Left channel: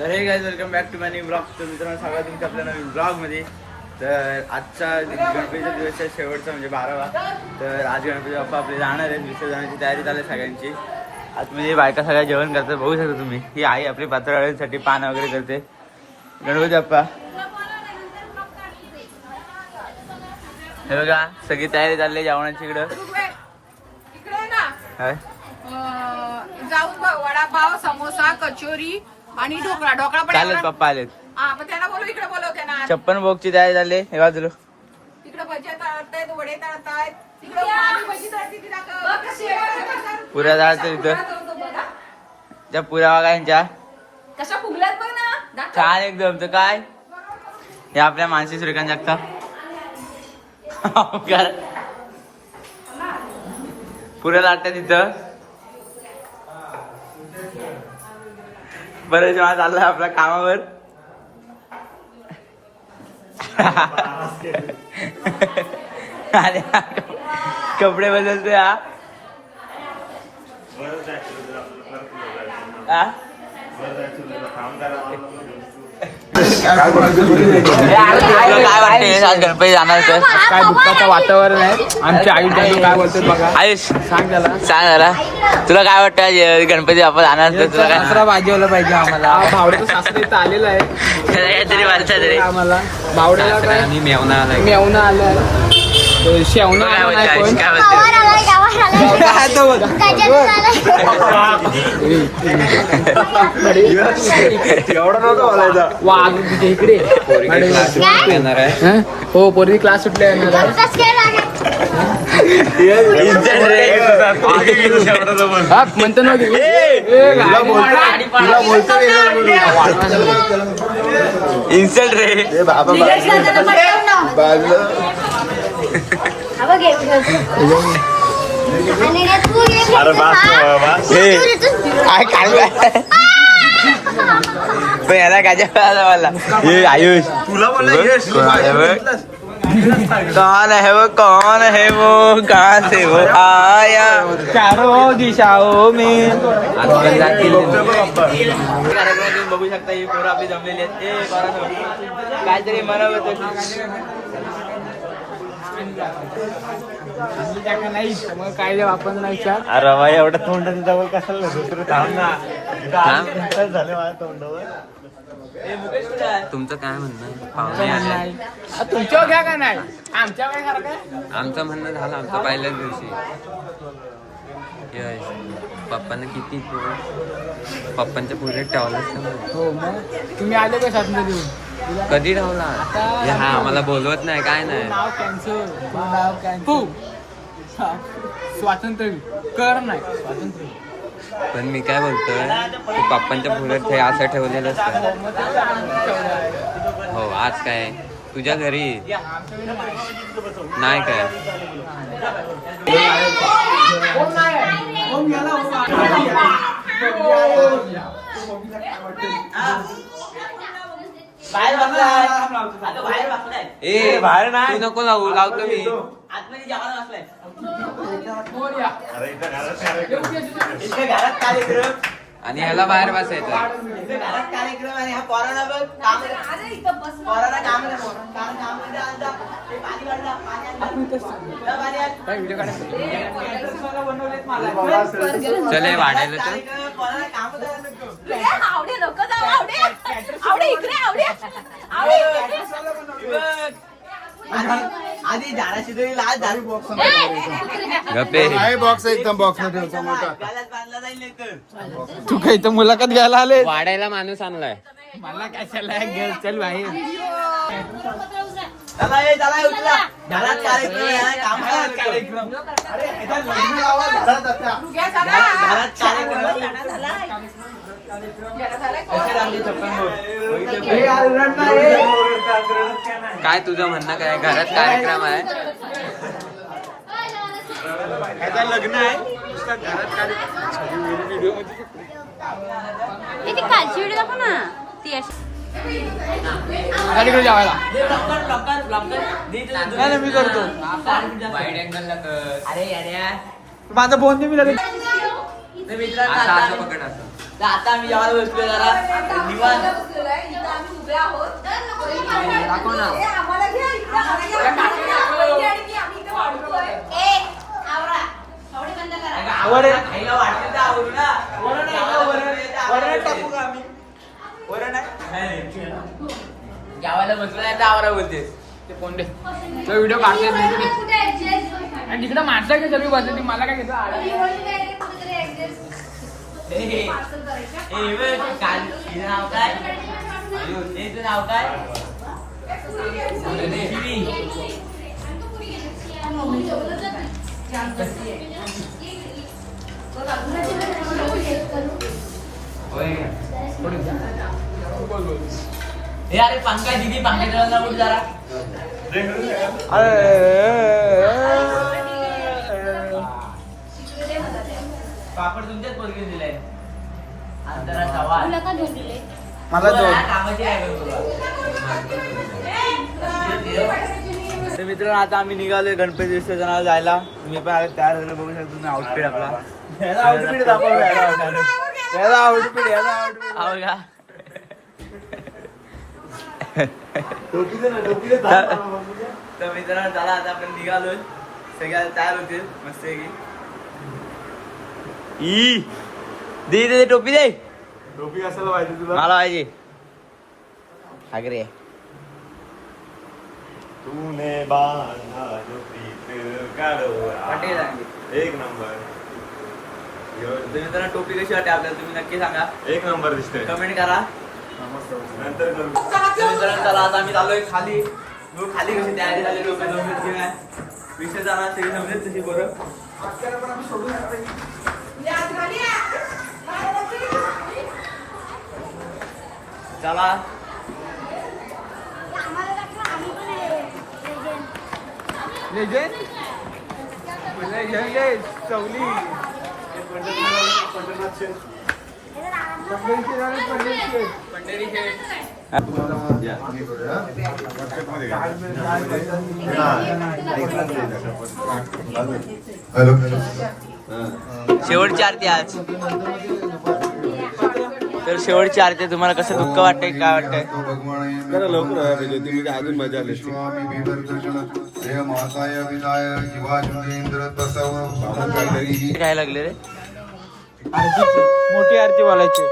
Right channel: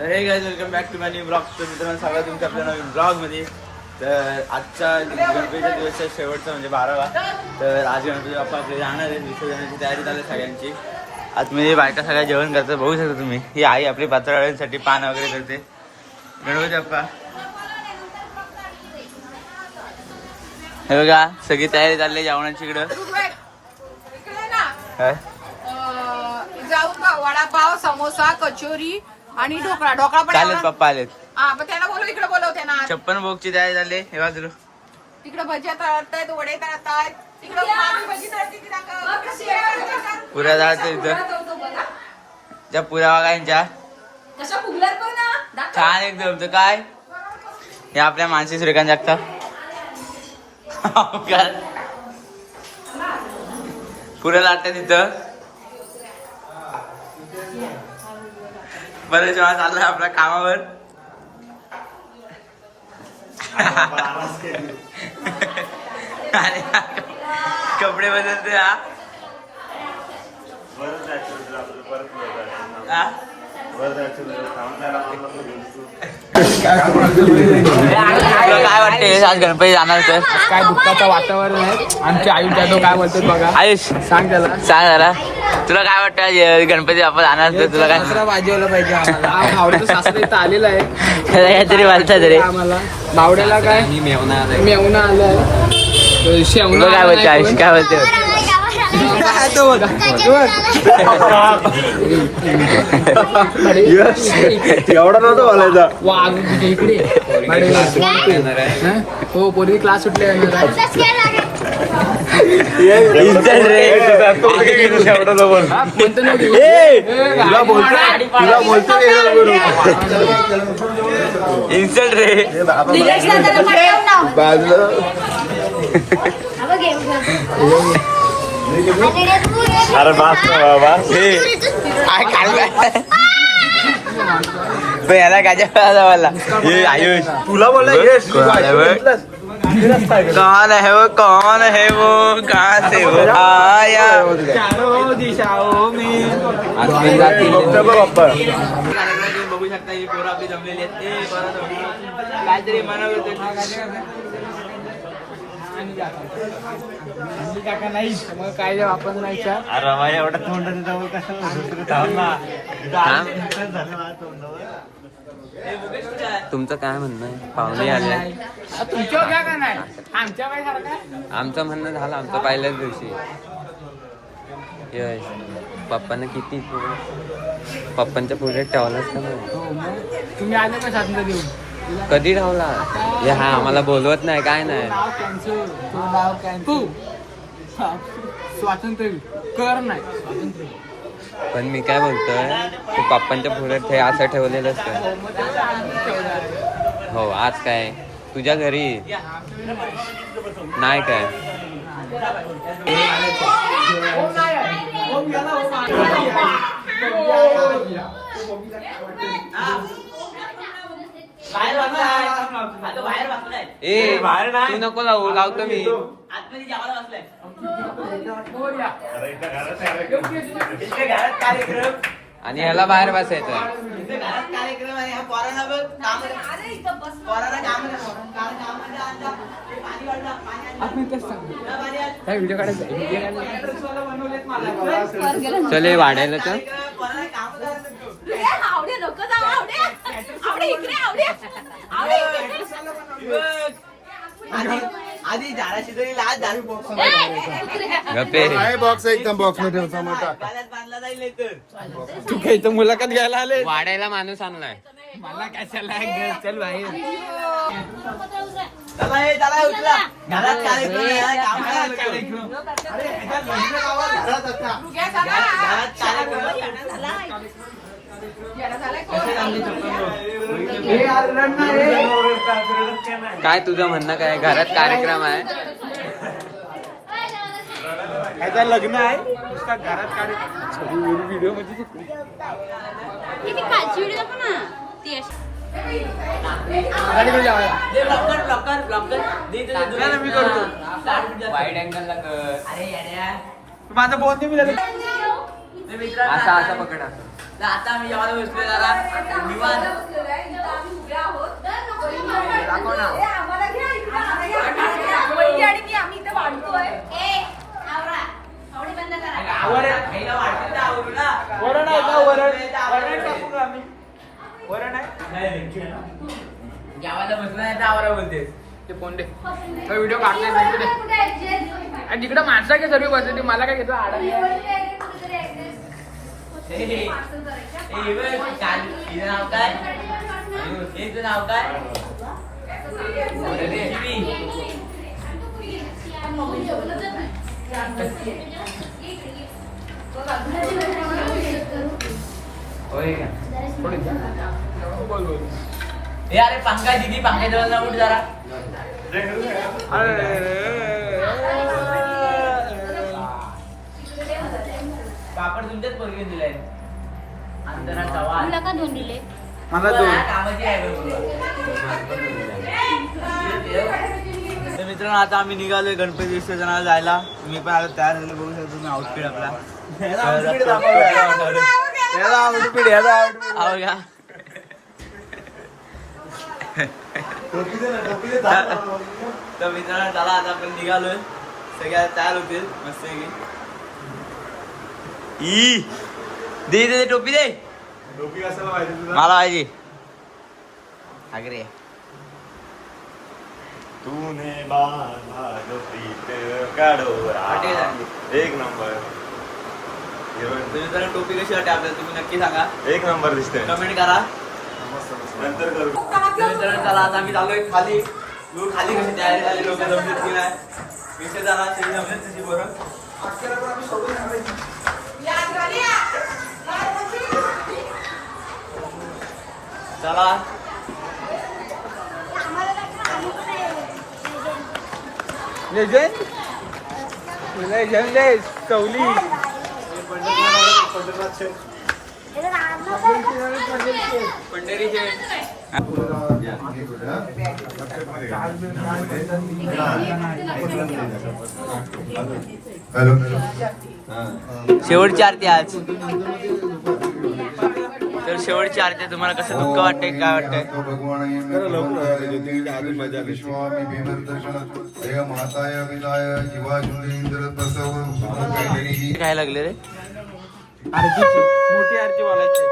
तर हे guys welcome back to my new blog. तर मित्रांनो सगळं तुमच्या आपल्या नवीन ब्लॉगमध्ये. तर आजचा गणपतीचा दिवस आहे शेवटचा म्हणजे 12वा. तर आज गणपती बाप्पा आपले जाणार आहेत, विसर्जनाची तयारी चालू आहे सगळ्यांची. आज मी बायका सगळ्या जेवण करतो, बघू शकता तुम्ही. ही आई आपली पात्राळ्यांसाठी पान वगैरे करते. गणपती बाप्पा हे बघा सगळी तयारी चालली आहे जेवणाची. इकडं जाऊन वडापाव, समोसा, कचोरी आणि ढोकळा. ढोकळा पण चालेल. पप्पा आलेत. त्यांना बोलू, इकडे बोलव त्यांना. 56 भोगची तयारी चालली हे बाजूला. तिकडे भजी तळतायत, वडे तळतायत. तिकडे भजी तळते की नाही? पुऱ्या जायचं इथं. त्या पुऱ्या बघा यांच्या कशा फुगल्यात पण ना. छान एकदम. तर काय हे आपल्या मानसी श्रीकांत जगताप पुऱ्या लाटतात तिथं. बरेच वेळा चाललाय आपल्या कामावर. कपडे बदलते हा. तुला काय वाटतंय आज गणपती जाणार तर? काय दुःखाचं वातावरण आहे. आमचे आई जाधव काय बोलतात बघा. आयुष सांग त्याला. सांग जरा, तुला काय वाटतं आज गणपती आपण जाणार तर? तुला काय सासरा वाजवला पाहिजे आम्हाला. हा भावड्याचा सासरा इथं आलेला आहे काहीतरी वाटतं तरी आम्हाला. भावड्याला काय मेवणा आलाय, शेवणा आला नाही पण. काय बोलतो? वाघ तुझ्या इकडे हो. पोरी क्लास सुटले इन्स्टंट रे. म्हणतो ना इन्स्टंट रे. याला काय मला आयुष कोणाला बघ. कौन है वो, कौन है वो, कहाँ से वो आया. चारों दिशाओं में बघू शकता ही पोरं आपली जमलेली आहेत. काहीतरी म्हणत नाही मग काय वापर नाही. अरे भाई एवढं तोंडाचं जवळ कशाला दुसरं थांब ना. तुमचं काय म्हणणं आहे? पाहुणे आले. तुमच्या काय काय नाही, आमच्या काय सारखं. आमचं म्हणणं झालं आमचं पहिल्याच दिवशी. पप्पांना किती पप्पांच्या पुढे ठेवलाच का मग? हो मग तुम्ही आले का शासन देऊन? कधी ठेवला? हा आम्हाला बोलवत नाही काय नाही. नाव कॅन्सल. तू स्वातंत्र्य कर नाही स्वातंत्र्य. पण मी काय बोलतोय, तू पप्पांच्या पुढे असं ठेवलेलंच काय? हो आज काय तुझ्या घरी नाही काय? ए तू नको लावू, लावतो मी. आणि ह्याला बाहेर बसायचं. चले वाढायला का? आधी झाडाशी तरी लाल दारू बॉक्स गप्पे बॉक्स एकदम बॉक्स बांधला जाईल तर. तू काही तर मुलाखत घ्यायला आले. वाढायला माणूस आणलाय. मला कशाला चल बाहेर. चला उचला. घरात कार्यक्रम आहे, काम करा. घरात कार्यक्रम. काय तुझं म्हणणं काय? घरात कार्यक्रम आहे. आता लग्न आहे. गाडीकडे जावायला मी करतो. वाईड अँगल माझं बोलणे मी झालं. तर मित्रांनो असं आता असं आम्ही- पकड असं. तर आता आम्ही जेवायला बसलो जरा आता आम्ही निवांत. जेवायला बसलेलो आहे. इथं आम्ही उभे आहोत. दाखव ना. ए, आम्हाला घ्या इकडे, आम्हाला घ्या. वहिनी आणि मी आम्ही इथे वाढतोय. खायला वाटलं तर आवडू ना. वरण आहे का वरण टाकू का आम्ही वरण आहे गावाला बसला नाही तर आवरा बोलते ते पोंडे व्हिडिओ काढते आणि तिकडे माणसा काय सर्व बसते मला काय घेतो आडा काल हिचं नाव काय हिचं नाव काय होय का बोल बोल हे अरे पंकज दीदी पंकज जवळ कुठे जरा पापड तुमच्याच पोरगे दिलाय अंतरा चव्हाण मला दोन कामाची काय तर मित्रांनो आता आम्ही निघालोय गणपती विसर्जनाला जायला. मी पण आता तयार व्हायला बघू शकतो तुम्ही आउटफिट आपला आउटफिट का तर मित्रांनो चला आता आपण निघालोय सगळ्या तयार होतील मस्त ई दे दे टोपी दे टोपी कशाला पाहिजे तुला मला पाहिजे आग्रे तूने बांधा जो प्रीत काढोरा. एक नंबर तर मित्रांनो टोपी कशी वाटते आपल्याला तुम्ही नक्की सांगा एक नंबर दिसते कमेंट करा. नंतर करू तर मित्रांनो चला आता आम्ही चालूय खाली खाली कशी तयारी झाली लोक जमलीत की नाही विषय जाणार सगळी जमलीत तशी बरं चला चवली पंढरी शेवटची आरती आज तर शेवटची आरती तुम्हाला कसं दुःख वाटतंय काय वाटतंय काय लागले रे आरतीची मोठी आरती बोलायची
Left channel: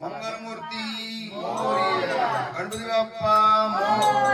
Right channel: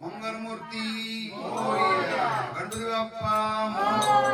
मंगलमूर्ती गणपती बाप्पा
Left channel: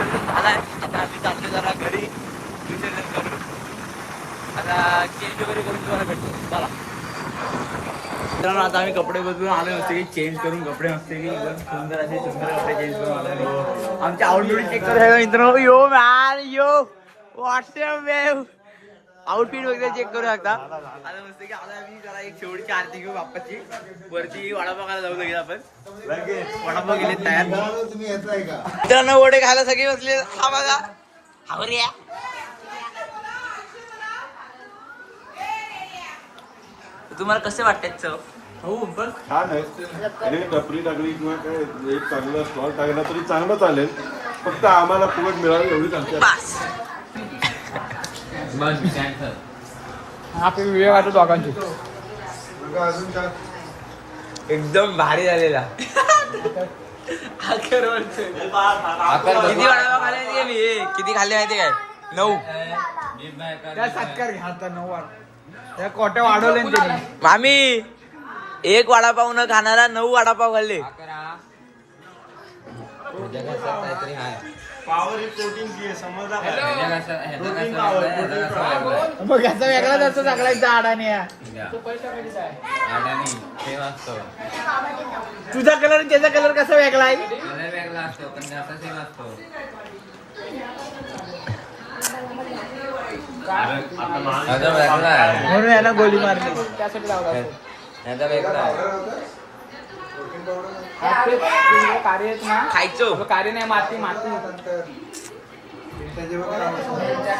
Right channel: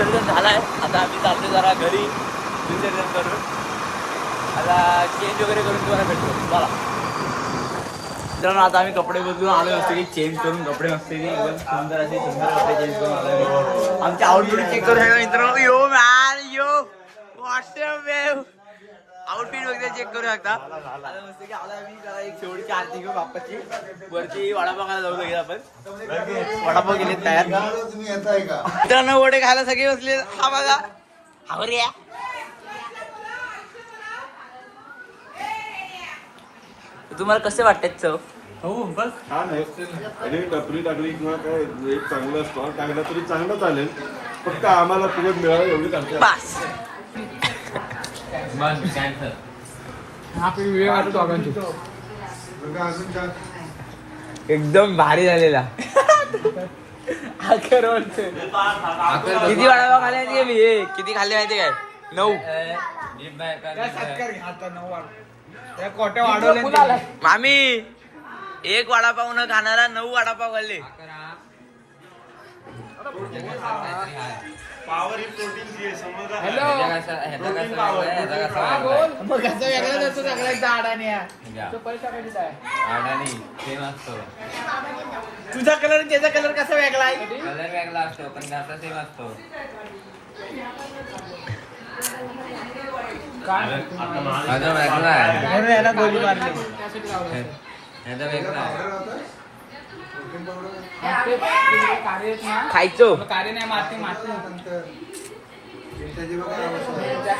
विसर्जन झालाय. आता आम्ही चालतो जरा घरी विसर्जन करून. आता चेंज वगैरे करून तुम्हाला भेटतो. चला मित्रांनो, आता आम्ही कपडे बदलून आलो नसते की चेंज करून कपडे नसते की एकदम सुंदर असे सुंदर कपडे चेंज करून आलो. आमच्या आउटफिट चेक करू शकता मित्रांनो. यो मॅन यो आउटफिट वगैरे चेक करू शकता. आता मस्त की आता मी जरा एक शेवटची आरती घेऊ बाप्पाची. वरती वडापाव खायला जाऊ लगेच आपण. वडापाव गेले तयार. तुम्ही येताय का? मित्रांनो वडे खायला सगळे बसले. हा बघा हावऱ्या. तुम्हाला कसे वाटतात चव? छान आहे. आणि टपरी टाकली किंवा काय एक चांगलं स्टॉल टाकला तरी चांगलं चालेल. फक्त आम्हाला फुकट मिळालं एवढीच आमच्या. बस आपली व्हिडिओ वाटतो दोघांची. बघा अजून काय? एकदम भारी झालेला. किती वडापाव खाल्ले गेली? किती खाल्ले माहिती काय? 9. मामी एक वडापाव न खाणारा 9 वडापाव खाल्ले. पावर ही प्रोटीनची आहे, समजा मग याचा वेगळाच असतो सगळ्यांचा अडाणी. तुझा कलर आणि त्याचा कलर कसा वेगळा आहे? वेगळा असतो पण घासा सेम असतो. म्हणून याला गोळी मारली. त्यासाठी लावला असतो. कार्य आहेत ना, खायचो कार्य नाही, माती माती.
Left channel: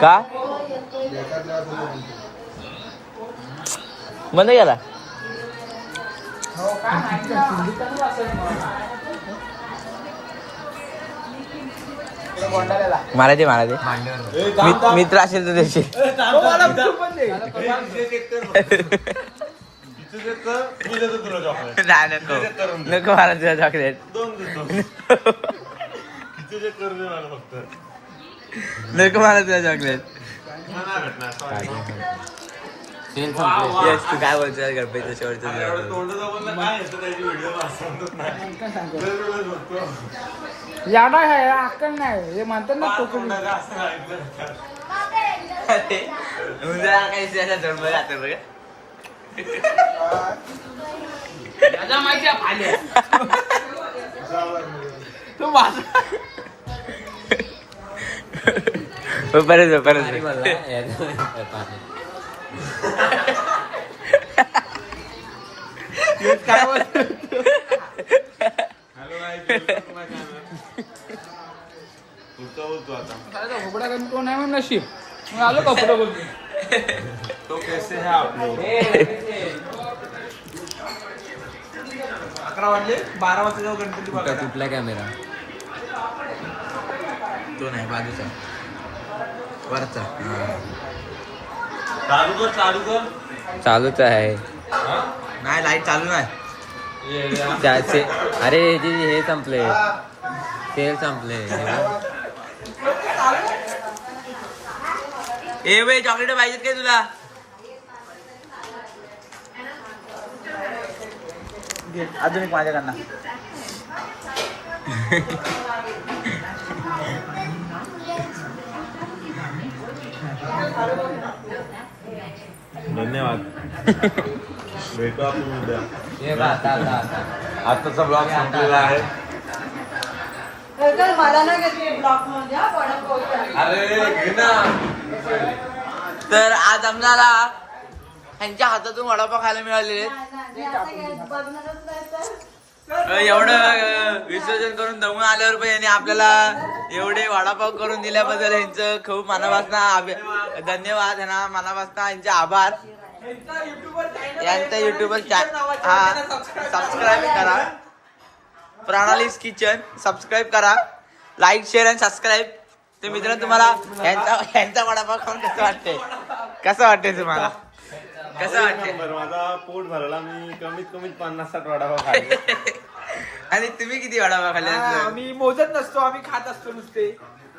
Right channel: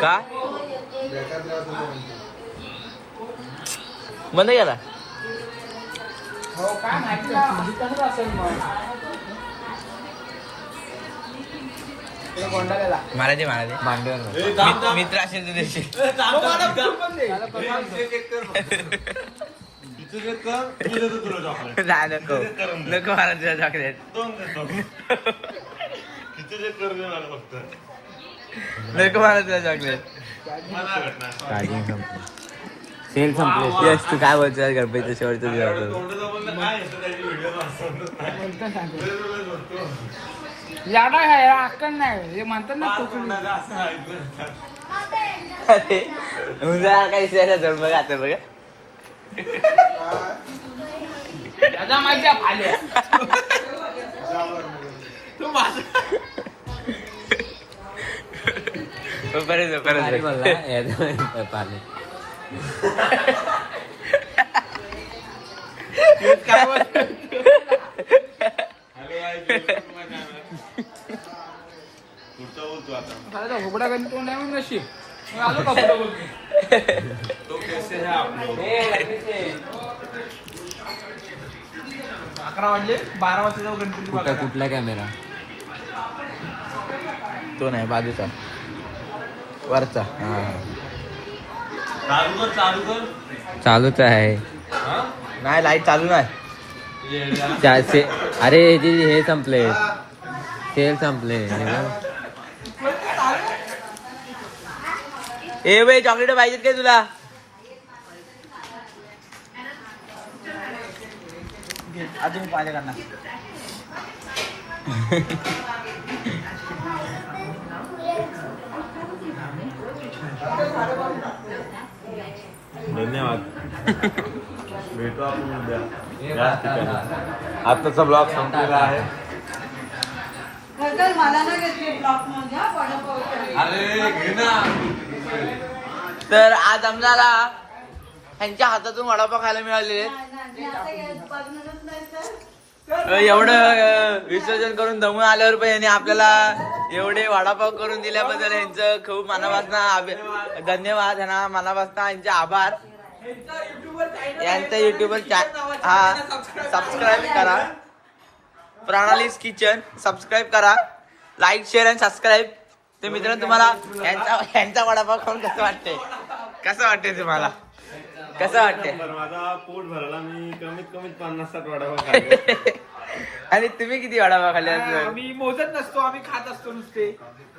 का बंद केला? काय माहिती असेल मग. मला दे मित्र असेल तर त्याचे. नाही नको नको मला तुझं चॉकलेट. नको मला तुझं चॉकलेट. तू काय बोलतो गणपती शेवट? याडा आहे अक्कल नाही हे म्हणतात ना. तुझा काही जोड बघा आता बघा. परत झुपडा करून कोण आहे म्हणून नशीब. मग आलो कपडे बघून. 11 वाजले 12 वाजता जाऊ गणपती बघायला. कुठला कॅमेरा? तो नाही बाजूचा वरचा. चालूच आहे. नाही लाईट चालू नाही. अरे हे संपले, तेल संपले. ए बाई चॉकलेट पाहिजेत काय तुला? अजून एक माझ्याकडनं. धन्यवाद. भेटू आपण उद्या. आताचा ब्लॉग संपलेला आहे. मला नाही घेतली ब्लॉक मध्ये हा वडापावच्या. अरे घे ना. तर आज आम्हाला ह्यांच्या हातातून वडापाव खायला मिळालेले. एवढं विसर्जन करून दमून आल्यावर पण यांनी आपल्याला एवढे वडापाव करून दिल्याबद्दल यांचं खूप मनापासून धन्यवाद. ह्यांना मनापासून यांचे आभार. यांचा युट्यूबर हा सबस्क्राईब करा. प्रणालीज किचन सबस्क्राईब करा. लाईक शेअर आणि सबस्क्राईब. तर मित्रांनो तुम्हाला यांचा वडापाव खाऊन कसं वाटतंय? कसं वाटतंय तुम्हाला? कसं वाटतंय? माझा पोट भरला. मी कमीत कमी 50-60 वडापाव खाल्ले. आणि तुम्ही किती वडापाव खाल्ले? आम्ही मोजत नसतो, आम्ही खात असतो नुसते.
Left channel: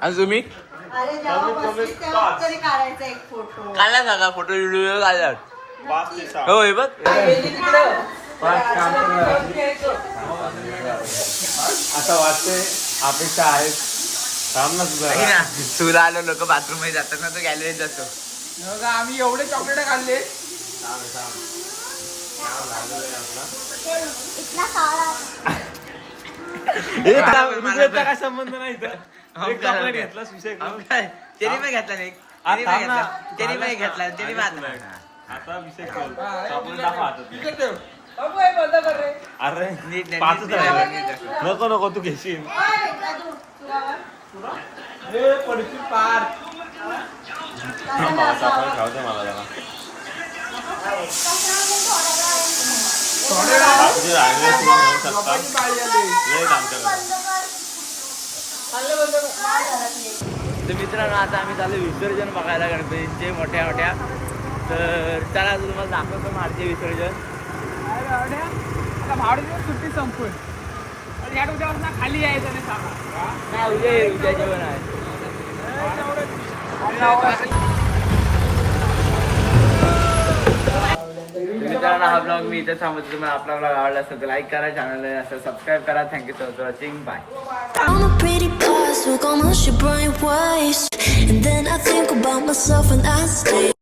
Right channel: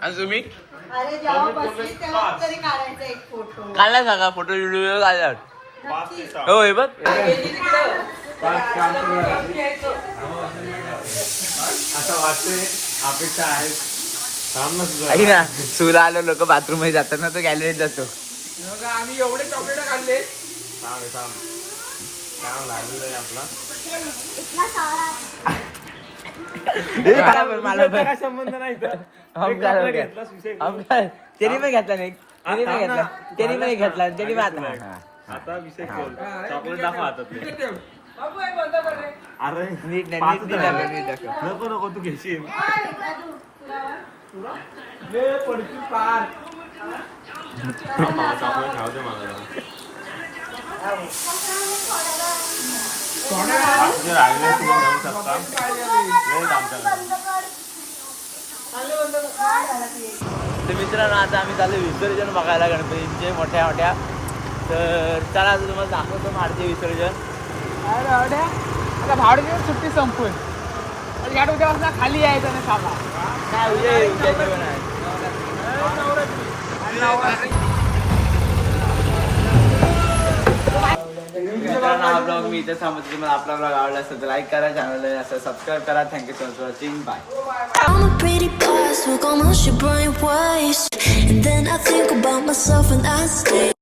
आणि तुम्ही अरे जेव्हा बसली तेव्हा तरी काढायचा एक फोटो. काढला सांगा फोटो व्हिडिओ काढला? 5 ते 6. हो हे बघ. असं वाटते. अपेक्षा आहे थांब ना तुझा तुला आलो लोक बाथरूम मध्ये जातात ना, तो गॅलरीत जातो. मग आम्ही एवढे चॉकलेट खाल्ले. मला काय संबंध नाही इथं. हम एक काय chocolate घेतलास, विषय हम काय त्यांनी पण घेतला नाही, त्यांनी पण थांब घेतला, ना. त्यांनी पण घेतला, त्यांनी पण आता विषय खोल. चॉकलेट दाखव हातातले. बाबू, हे बंद कर रे. अरे नीट नाही, पाचच नीट राहिले. नाही. नको नको तू घेशील. हे पडशील पार. चॉकलेट खाऊ दे मला जरा. बाकीचे राहिले तुम्ही घेऊ शकता. लय आमच्याकडे. तर मित्रांनो, आता आम्ही चालू विसर्जन बघायला गणपतींचे मोठ्या मोठ्या. तर चला आता तुम्हाला दाखवतो माडचे विसर्जन. भावडे सुट्टी संपून या उद्यापासून खाली यायचं नाही खावा. काय उद्या जेवण आहे. मित्रांनो, हा ब्लॉग मी इथे थांबतो. तुम्हाला आपला ब्लॉग आवडला असेल तर लाईक करा, चॅनलला असं सबस्क्राईब करा. Thank you so much for watching. Bye. I'm a pretty boss, hook on my shit, brain waste. And then I think about myself and I stay.